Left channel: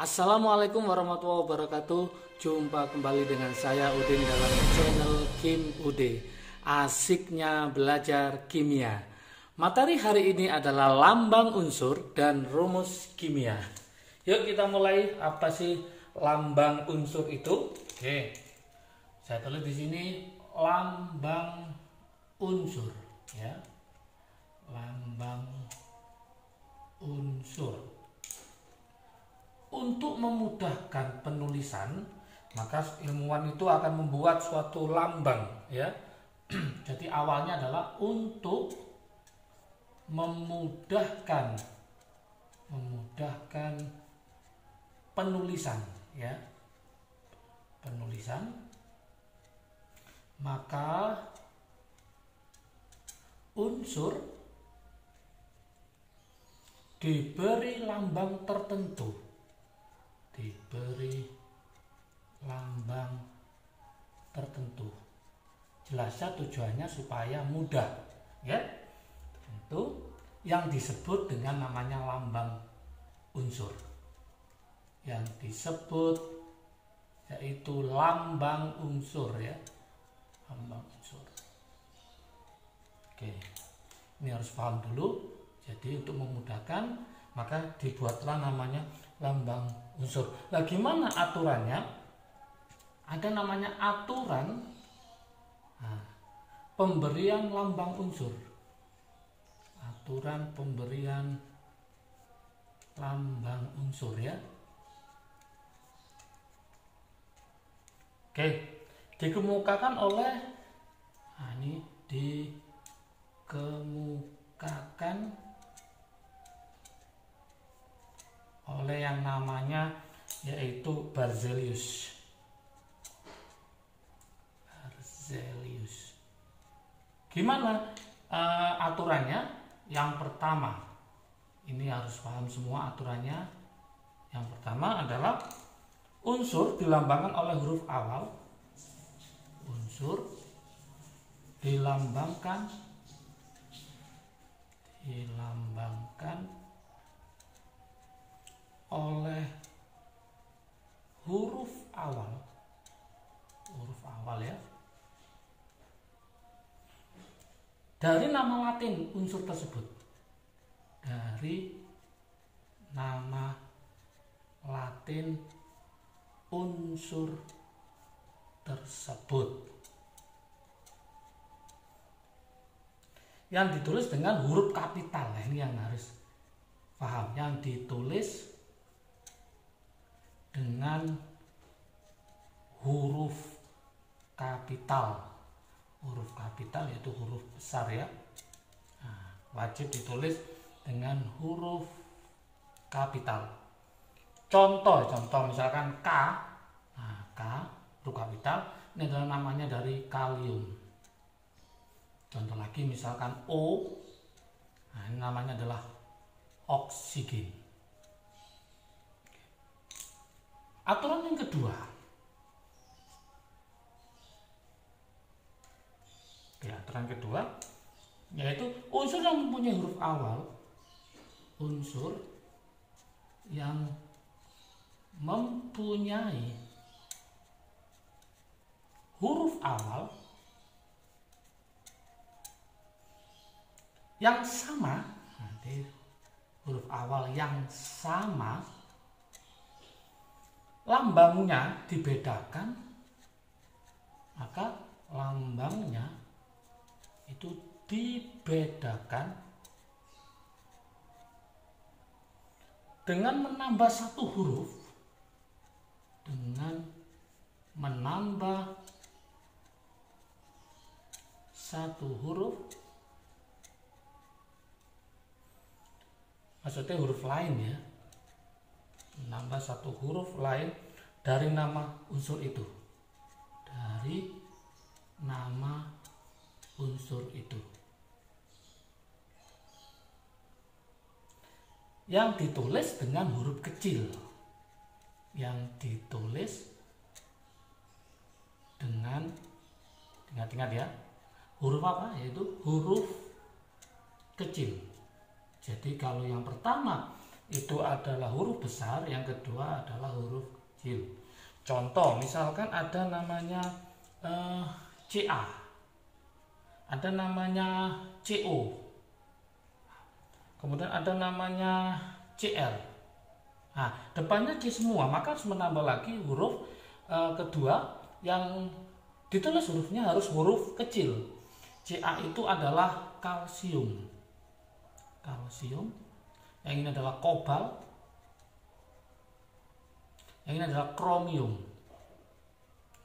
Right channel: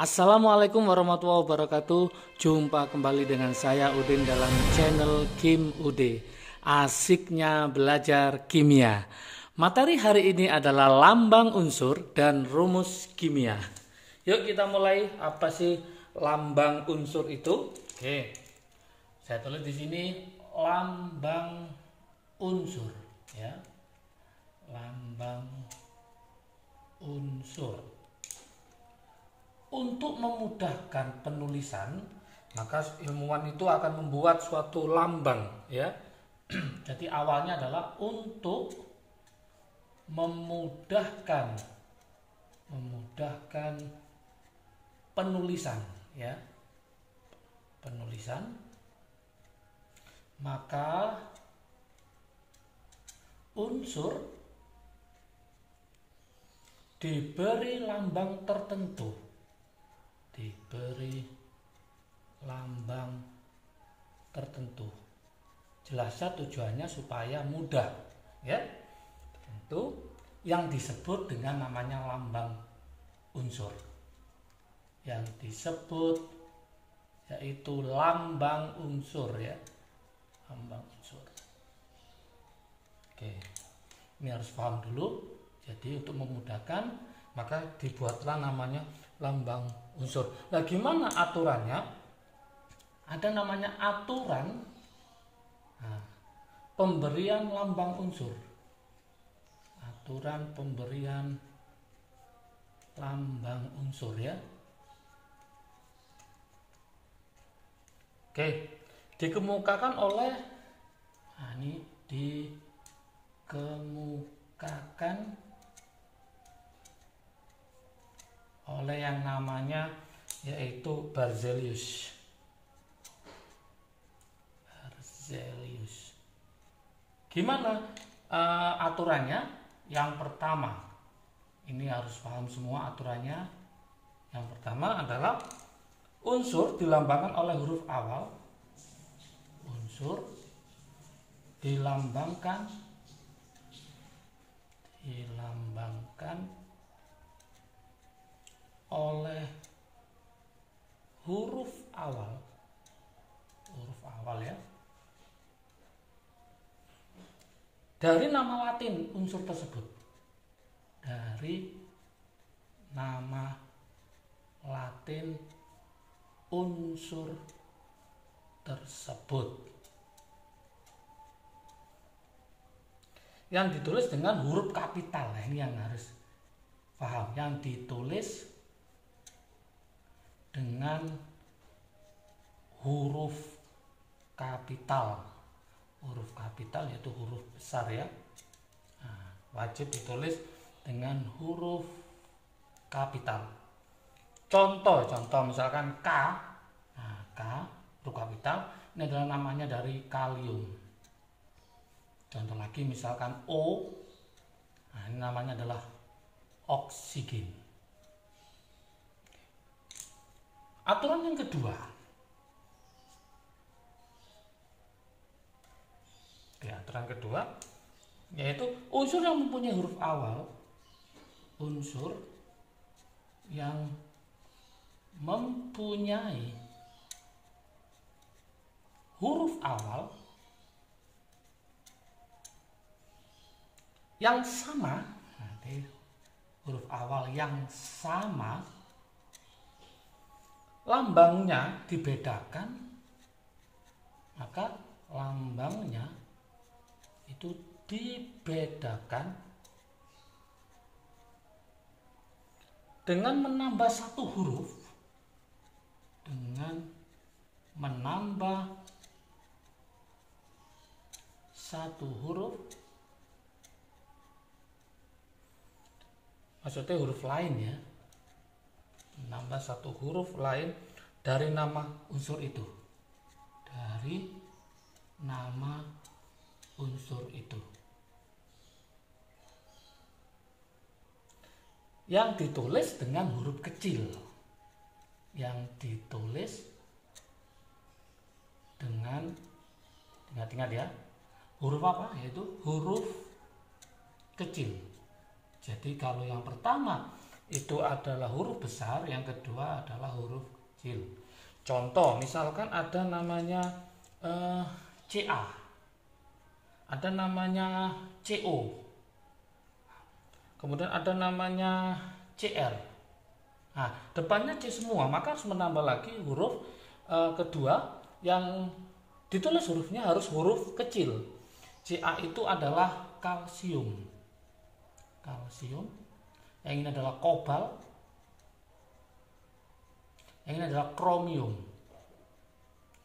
Assalamualaikum warahmatullahi wabarakatuh. Jumpa kembali dengan saya Udin dalam channel Kim Ude. Asiknya belajar kimia. Materi hari ini adalah lambang unsur dan rumus kimia. Yuk kita mulai. Apa sih lambang unsur itu? Oke. Saya tulis di sini lambang unsur ya. Lambang unsur. Untuk memudahkan penulisan, maka ilmuwan itu akan membuat suatu lambang ya. Jadi awalnya adalah untuk memudahkan penulisan ya. Penulisan. Maka unsur diberi lambang tertentu. Diberi lambang tertentu. Jelasnya tujuannya supaya mudah ya. Itu yang disebut dengan namanya lambang unsur. Yang disebut yaitu lambang unsur ya. Lambang unsur. Oke. Ini harus paham dulu. Jadi untuk memudahkan maka dibuatlah namanya lambang unsur. Nah, gimana aturannya? Ada namanya aturan pemberian lambang unsur. Aturan pemberian lambang unsur ya. Oke, dikemukakan oleh ini dikemukakan oleh yang namanya yaitu Berzelius. Gimana aturannya? Yang pertama, ini harus paham semua aturannya. Yang pertama adalah unsur dilambangkan oleh huruf awal. Unsur dilambangkan oleh huruf awal ya, dari nama Latin unsur tersebut. Dari nama Latin unsur tersebut yang ditulis dengan huruf kapital. Nah, ini yang harus paham. Yang ditulis dengan huruf kapital. Huruf kapital yaitu huruf besar ya. Nah, wajib ditulis dengan huruf kapital. Contoh misalkan K. Nah, K huruf kapital ini adalah namanya dari kalium. Contoh lagi misalkan O. Nah, ini namanya adalah oksigen. Aturan yang kedua. Aturan kedua yaitu unsur yang mempunyai huruf awal. Unsur yang mempunyai huruf awal yang sama, nanti huruf awal yang sama, lambangnya dibedakan, maka lambangnya itu dibedakan dengan menambah satu huruf, maksudnya huruf lain ya, menambah satu huruf lain dari nama unsur itu. Dari nama unsur itu. Yang ditulis dengan huruf kecil. Yang ditulis dengan, ingat-ingat ya, huruf apa? Yaitu huruf kecil. Jadi kalau yang pertama itu adalah huruf besar, yang kedua adalah huruf kecil. Contoh, misalkan ada namanya CA, ada namanya CO, kemudian ada namanya CR. Nah, depannya C semua, maka harus menambah lagi huruf kedua yang ditulis hurufnya harus huruf kecil. CA itu adalah kalsium. Kalsium. Yang ini adalah kobalt. Yang ini adalah kromium.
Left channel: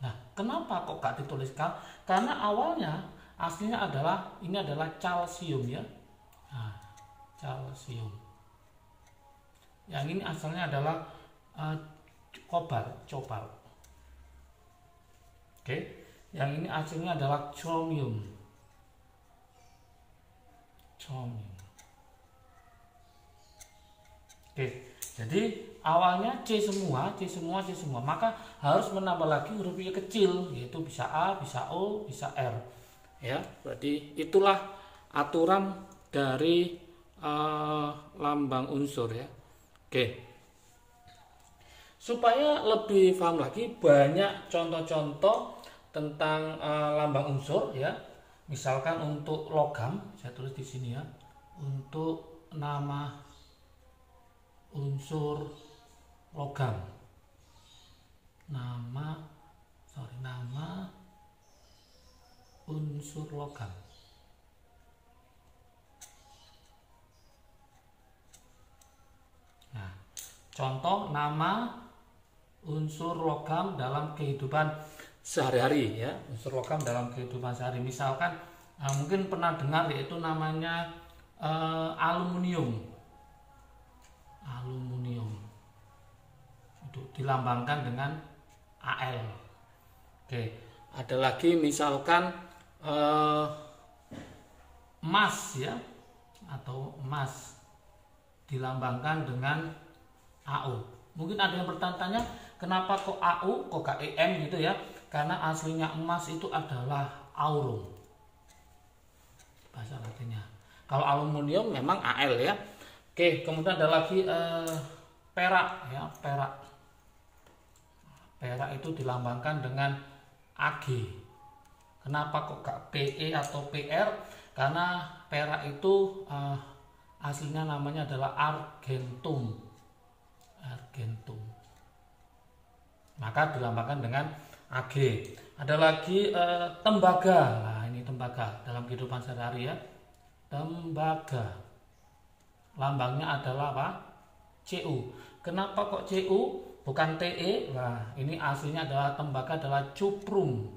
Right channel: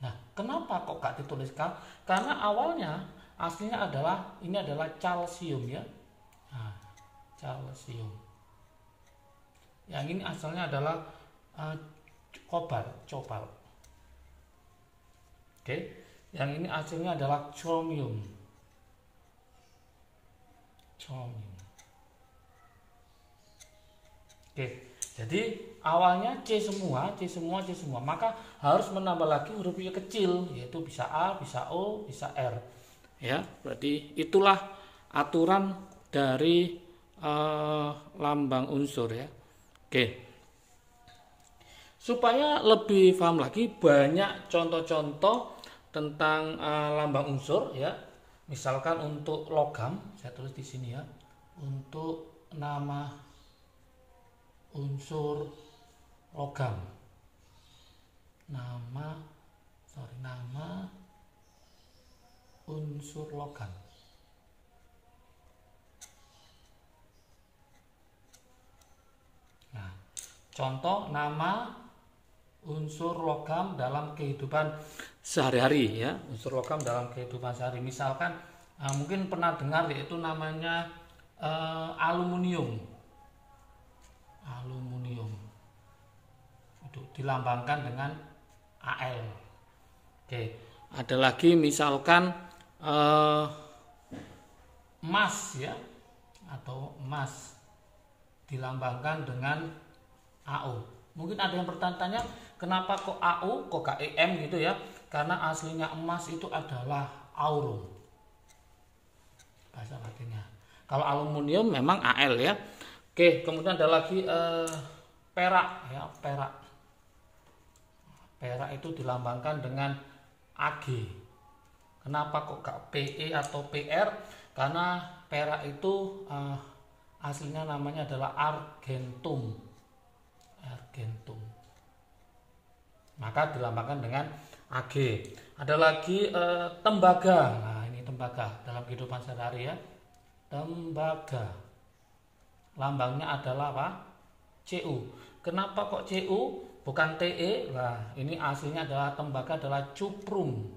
Nah, kenapa kok gak dituliskan? Karena awalnya aslinya adalah ini adalah calcium ya. Nah, calcium. Yang ini asalnya adalah kobalt. Oke. Yang ini aslinya adalah chromium. Oke, jadi awalnya C semua, maka harus menambah lagi huruf yang kecil, yaitu bisa A, bisa O, bisa R. Ya, berarti itulah aturan dari lambang unsur ya. Oke. Supaya lebih paham lagi, banyak contoh-contoh tentang lambang unsur ya. Misalkan untuk logam, saya tulis di sini ya. Untuk nama unsur logam. Nama unsur logam. Nah, contoh nama unsur logam dalam kehidupan sehari-hari ya, unsur logam dalam kehidupan sehari. Misalkan mungkin pernah dengar yaitu namanya aluminium. Aluminium itu dilambangkan dengan Al. Oke, ada lagi misalkan emas ya, atau emas dilambangkan dengan AU. Mungkin ada yang bertanya, kenapa kok AU, kok KEM gitu ya? Karena aslinya emas itu adalah aurum, bahasa latinnya. Kalau aluminium memang Al ya. Oke, kemudian ada lagi perak ya, perak. Perak itu dilambangkan dengan AG. Kenapa kok gak PE atau PR? Karena perak itu aslinya namanya adalah argentum. Argentum. Maka dilambangkan dengan AG. Ada lagi tembaga. Nah, ini tembaga dalam kehidupan sehari-hari ya. Tembaga. Lambangnya adalah apa? CU. Kenapa kok CU bukan TE? Nah, ini aslinya adalah tembaga adalah cuprum.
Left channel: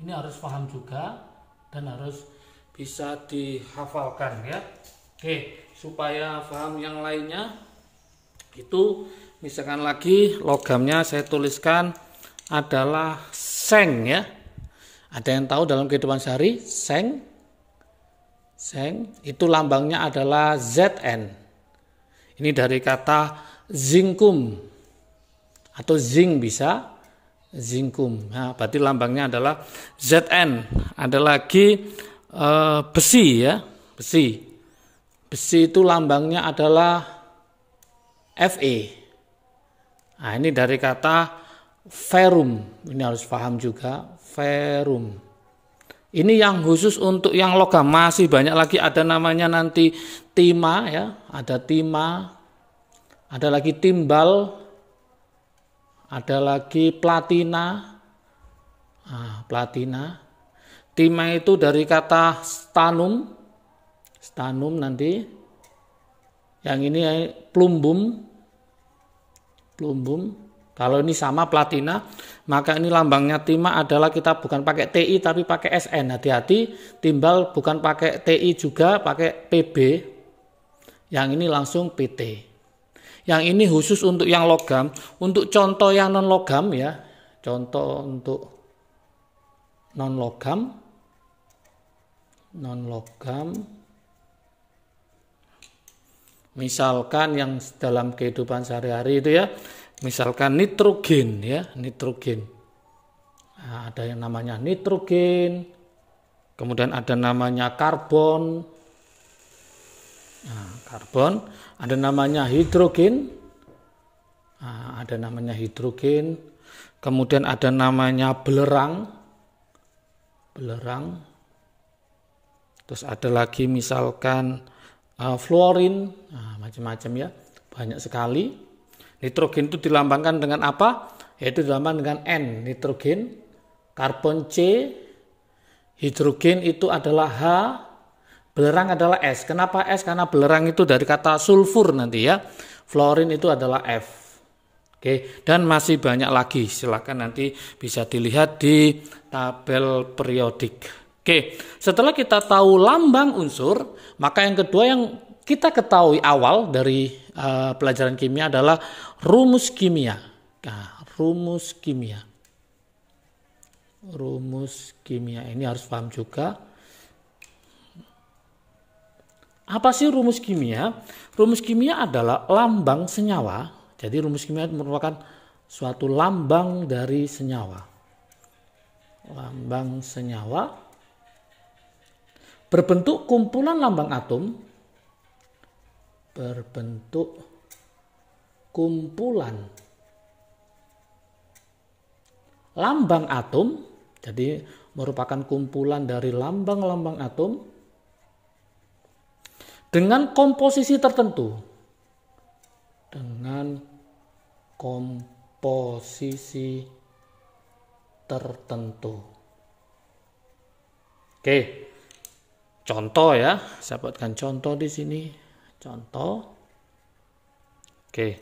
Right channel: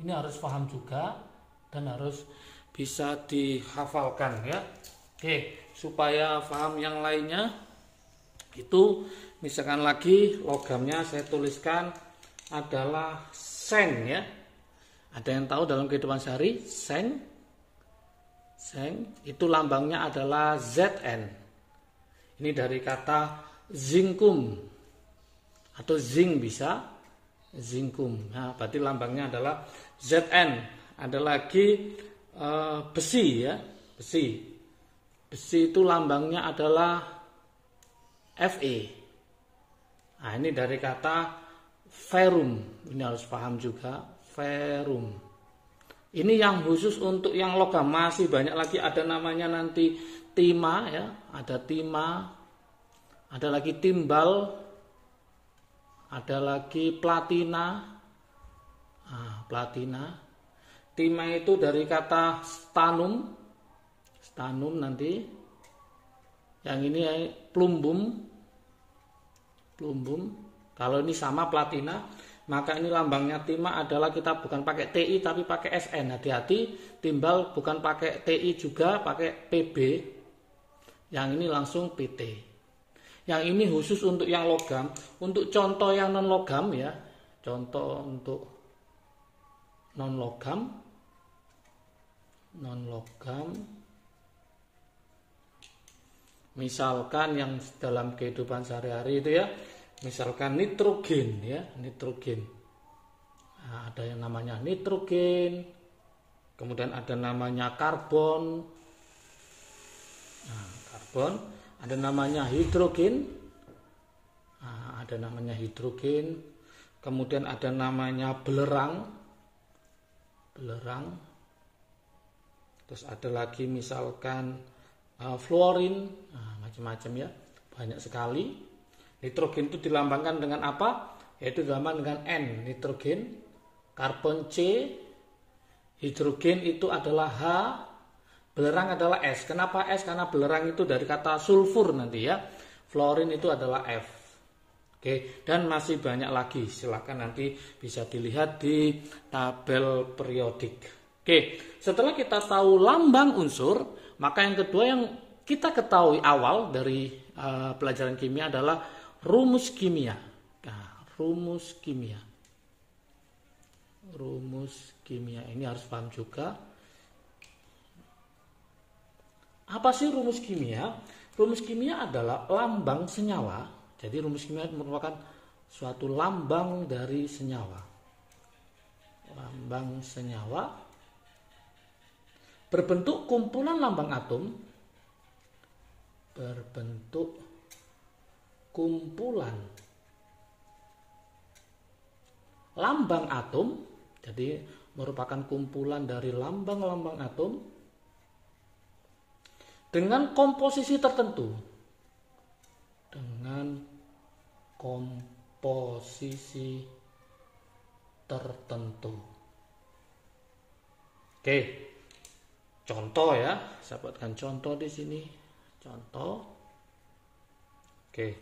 Ini harus paham juga dan harus bisa dihafalkan ya. Oke, supaya paham yang lainnya itu misalkan lagi logamnya saya tuliskan adalah seng ya. Ada yang tahu dalam kehidupan sehari seng? Seng itu lambangnya adalah Zn. Ini dari kata zinkum atau zinc bisa zinkum. Nah, berarti lambangnya adalah Zn. Ada lagi besi ya, besi. Besi itu lambangnya adalah Fe. Nah, ini dari kata ferrum. Ini harus paham juga, ferrum. Ini yang khusus untuk yang logam, masih banyak lagi, ada namanya nanti timah ya, ada timah, ada lagi timbal, ada lagi platina. Nah, platina. Timah itu dari kata stanum. Stanum nanti. Yang ini plumbum. Plumbum. Kalau ini sama platina, maka ini lambangnya timah adalah kita bukan pakai TI tapi pakai SN. Hati-hati, timbal bukan pakai TI juga, pakai PB. Yang ini langsung PT. Yang ini khusus untuk yang logam. Untuk contoh yang non logam ya. Contoh untuk non logam. Non logam. Misalkan yang dalam kehidupan sehari-hari itu ya. Misalkan nitrogen ya, nitrogen. Nah, ada yang namanya nitrogen, kemudian ada namanya karbon. Nah, karbon, Ada namanya hidrogen. Nah, ada namanya hidrogen. Kemudian ada namanya belerang. Belerang. Terus ada lagi misalkan fluorin. Nah, macam-macam ya. Banyak sekali. Nitrogen itu dilambangkan dengan apa? Yaitu dilambangkan dengan N, nitrogen. Karbon C. Hidrogen itu adalah H. Belerang adalah S. Kenapa S? Karena belerang itu dari kata sulfur nanti ya. Fluorin itu adalah F. Oke, dan masih banyak lagi. Silakan nanti bisa dilihat di tabel periodik. Oke, setelah kita tahu lambang unsur, maka yang kedua yang kita ketahui awal dari pelajaran kimia adalah rumus kimia. Nah, rumus kimia. Rumus kimia ini harus paham juga. Apa sih rumus kimia? Rumus kimia adalah lambang senyawa. Jadi rumus kimia merupakan suatu lambang dari senyawa. Lambang senyawa berbentuk kumpulan lambang atom. Berbentuk kumpulan lambang atom. Jadi merupakan kumpulan dari lambang-lambang atom dengan komposisi tertentu. Dengan komposisi tertentu. Oke. Contoh ya, saya buatkan contoh di sini. Contoh. Oke.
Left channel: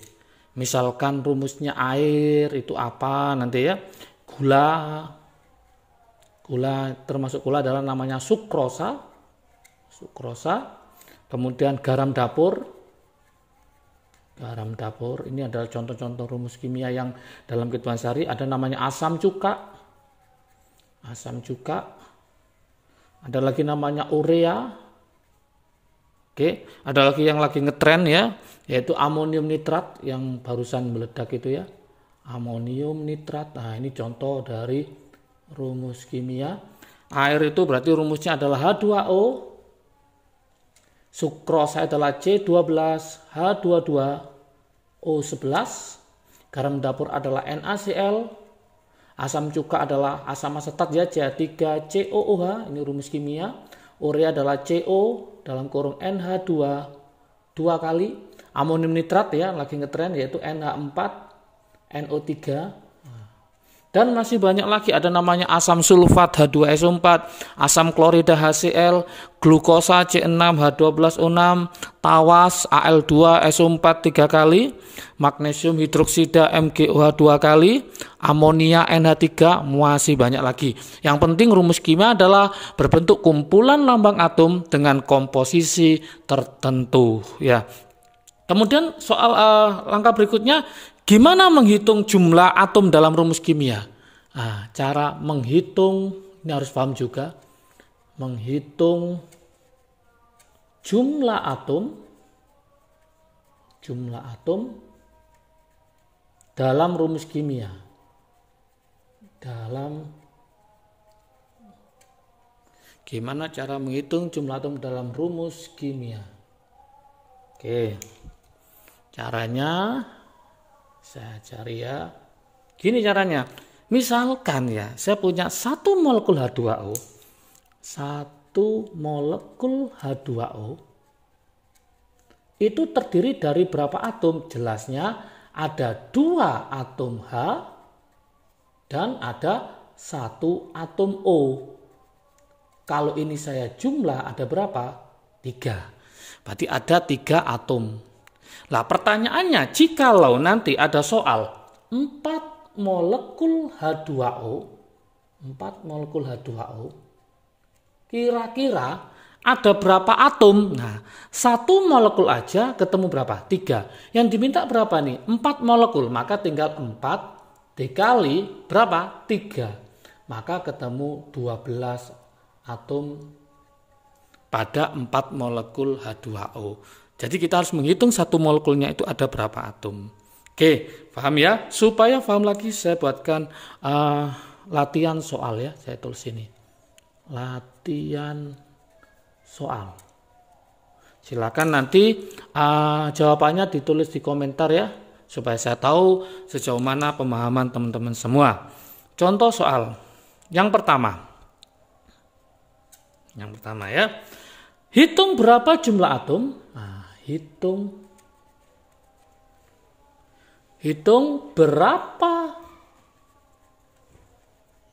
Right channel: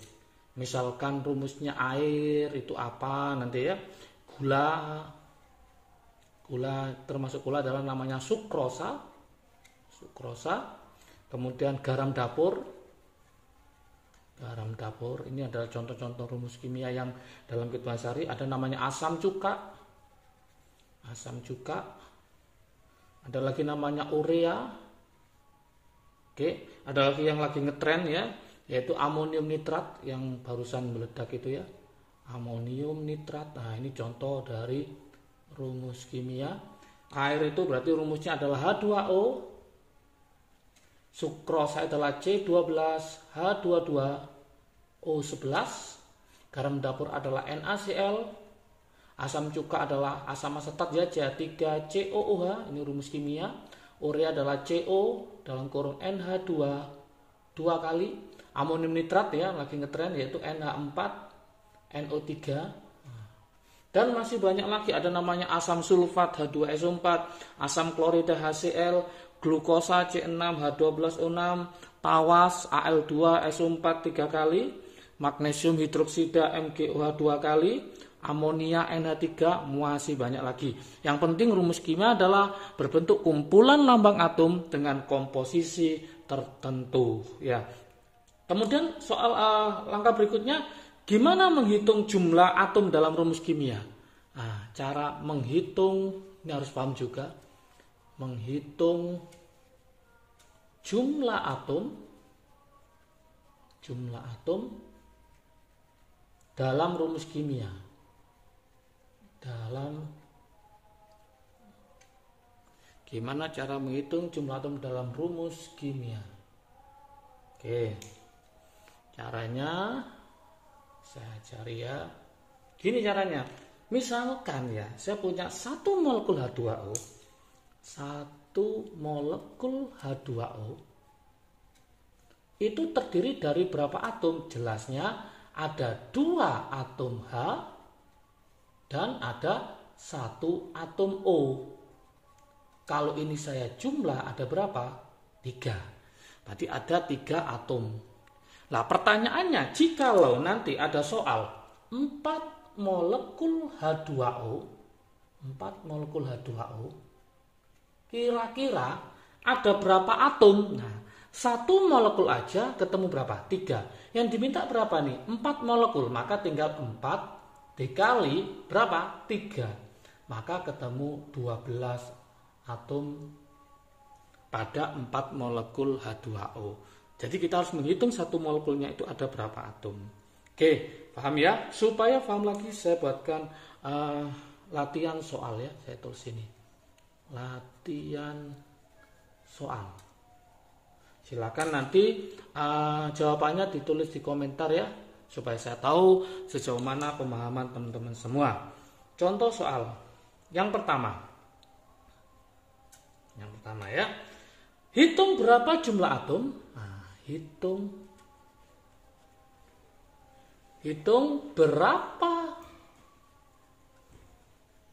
Misalkan rumusnya air itu apa nanti ya? Gula. Gula termasuk gula adalah namanya sukrosa. Sukrosa. Kemudian garam dapur. Garam dapur ini adalah contoh-contoh rumus kimia yang dalam kehidupan sehari. Ada namanya asam cuka. Asam cuka. Ada lagi namanya urea. Oke, ada lagi yang lagi ngetren ya, yaitu amonium nitrat yang barusan meledak itu ya. Amonium nitrat. Nah, ini contoh dari rumus kimia. Air itu berarti rumusnya adalah H2O. Sukrosa adalah C12, H22O11. Garam dapur adalah NaCl. Asam cuka adalah asam asetat ya, CH3COOH. Ini rumus kimia. Urea adalah CO dalam kurung NH2 2 kali. Amonium nitrat ya, lagi ngetren yaitu NH4NO3. Dan masih banyak lagi, ada namanya asam sulfat H2SO4, asam klorida HCl, glukosa C6H12O6, tawas Al2SO4 3 kali, magnesium hidroksida MgOH 2 kali, amonia NH3, masih banyak lagi. Yang penting rumus kimia adalah berbentuk kumpulan lambang atom dengan komposisi tertentu ya. Kemudian soal langkah berikutnya, gimana menghitung jumlah atom dalam rumus kimia? Nah, cara menghitung ini harus paham juga. Menghitung jumlah atom dalam rumus kimia. Gimana cara menghitung jumlah atom dalam rumus kimia? Oke. Caranya saya cari ya. Gini caranya. Misalkan ya, saya punya 1 molekul H2O. 1 molekul H2O itu terdiri dari berapa atom? Jelasnya ada 2 atom H dan ada 1 atom O. Kalau ini saya jumlah ada berapa? 3. Berarti ada 3 atom. Lah pertanyaannya, jikalau nanti ada soal 4 molekul H2O, kira-kira ada berapa atom? Nah, 1 molekul aja ketemu berapa? 3. Yang diminta berapa nih? 4 molekul, maka tinggal 4 dikali berapa? 3. Maka ketemu 12 atom pada 4 molekul H2O. Jadi kita harus menghitung 1 molekulnya itu ada berapa atom. Oke, paham ya? Supaya paham lagi saya buatkan latihan soal ya. Saya tulis ini. Latihan soal. Silakan nanti jawabannya ditulis di komentar ya, supaya saya tahu sejauh mana pemahaman teman-teman semua. Contoh soal yang pertama ya, hitung berapa jumlah atom. Hitung berapa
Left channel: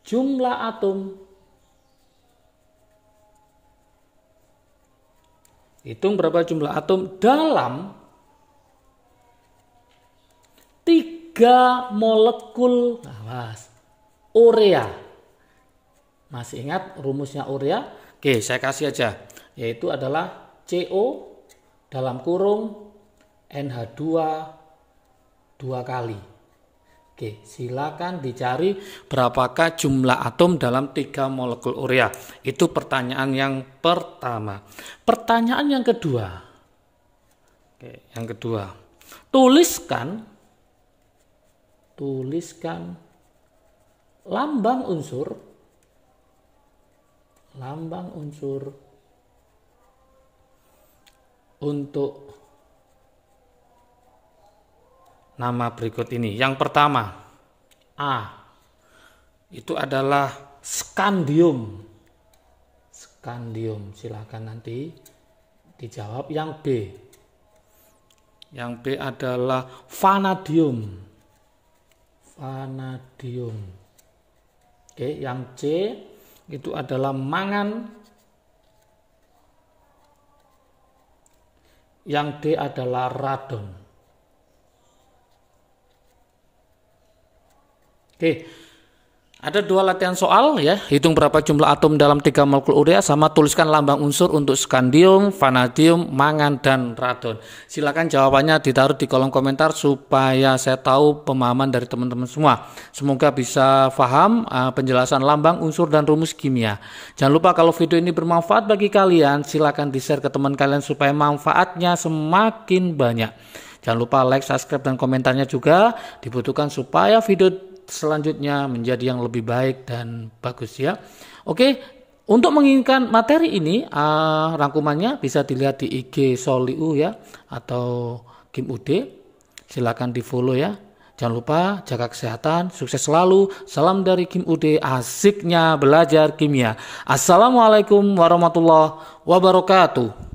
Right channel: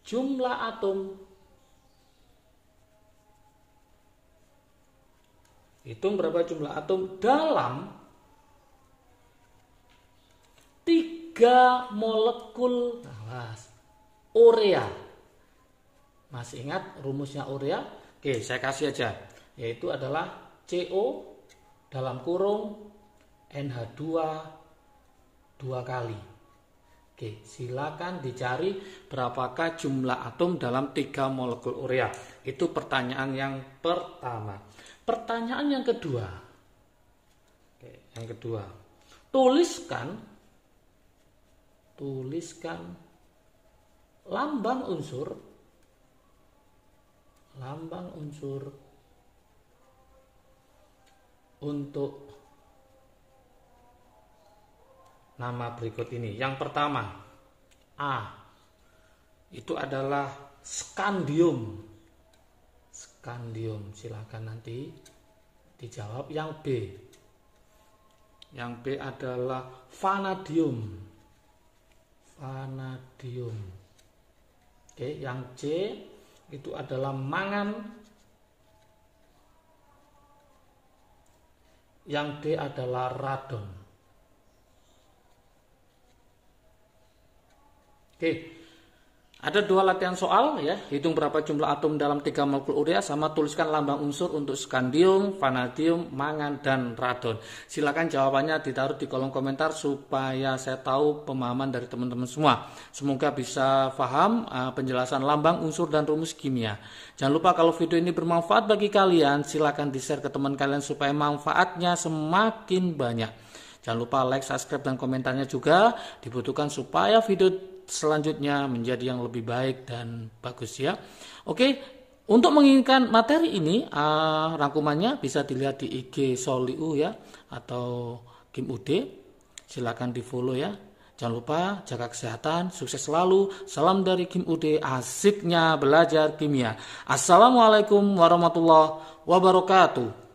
jumlah atom. Hitung berapa jumlah atom dalam 3 molekul urea. Masih ingat rumusnya urea? Oke, saya kasih aja. Yaitu adalah CO dalam kurung NH2 2 kali. Oke, silakan dicari berapakah jumlah atom dalam 3 molekul urea. Itu pertanyaan yang pertama. Pertanyaan yang kedua. Oke, yang kedua. Tuliskan lambang unsur untuk nama berikut ini. Yang pertama, A. Itu adalah skandium. Silakan nanti dijawab. Yang B adalah vanadium. Oke, yang C itu adalah mangan. Yang D adalah radon. Oke, ada 2 latihan soal ya. Hitung berapa jumlah atom dalam 3 molekul urea, sama tuliskan lambang unsur untuk skandium, vanadium, mangan, dan radon. Silakan jawabannya ditaruh di kolom komentar supaya saya tahu pemahaman dari teman-teman semua. Semoga bisa paham penjelasan lambang unsur dan rumus kimia. Jangan lupa kalau video ini bermanfaat bagi kalian, silakan di-share ke teman kalian supaya manfaatnya semakin banyak. Jangan lupa like, subscribe, dan komentarnya juga dibutuhkan supaya video selanjutnya menjadi yang lebih baik dan bagus ya. Oke, untuk menginginkan materi ini rangkumannya bisa dilihat di IG Soliu ya, atau Kim UD. Silakan di follow ya. Jangan lupa jaga kesehatan, sukses selalu. Salam dari Kim UD, asiknya belajar kimia. Assalamualaikum warahmatullahi wabarakatuh.